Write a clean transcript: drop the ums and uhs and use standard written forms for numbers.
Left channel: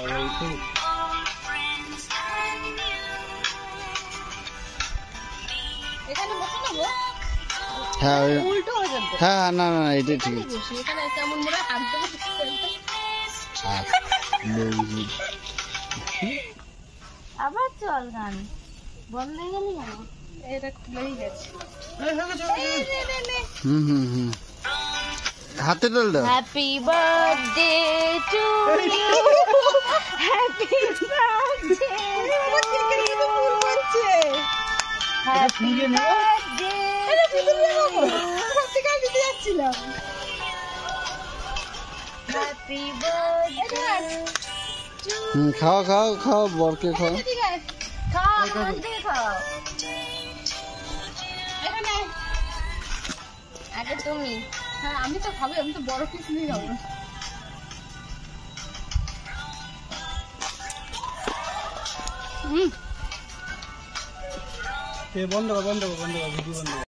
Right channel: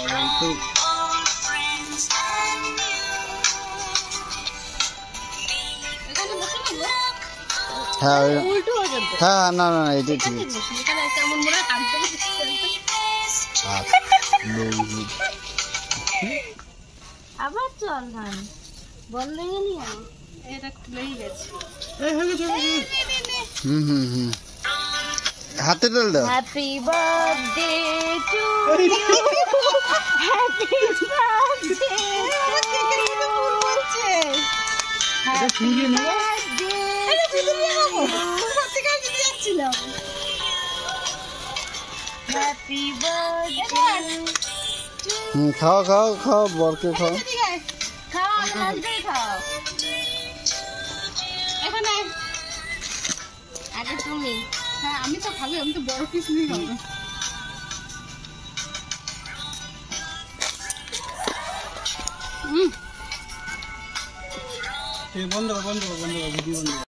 এই তো এখানে বসে নেবো। হ্যাঁ উল্টো হয়ে যাবে। হ্যাঁ না না এটা ঠিক আছে এখানে কেমন মনে হয় হাত দেবো। আবার চল গান বন্ধ হয়ে গেলি কেন? এটা খুলেই গেছে। হুম হাতে ডাল দাও। Happy birthday to you, happy birthday happy birthday happy birthday. খাও খাও খাও বরকে খাও। খাও আনন্দে খাও। এখানে আগে তুমি। হ্যাঁ আমি তো খাবো, আমি তো বড় পিস নিয়ে খাবো। বন্ধ কর ভিডিও বন্ধ কর।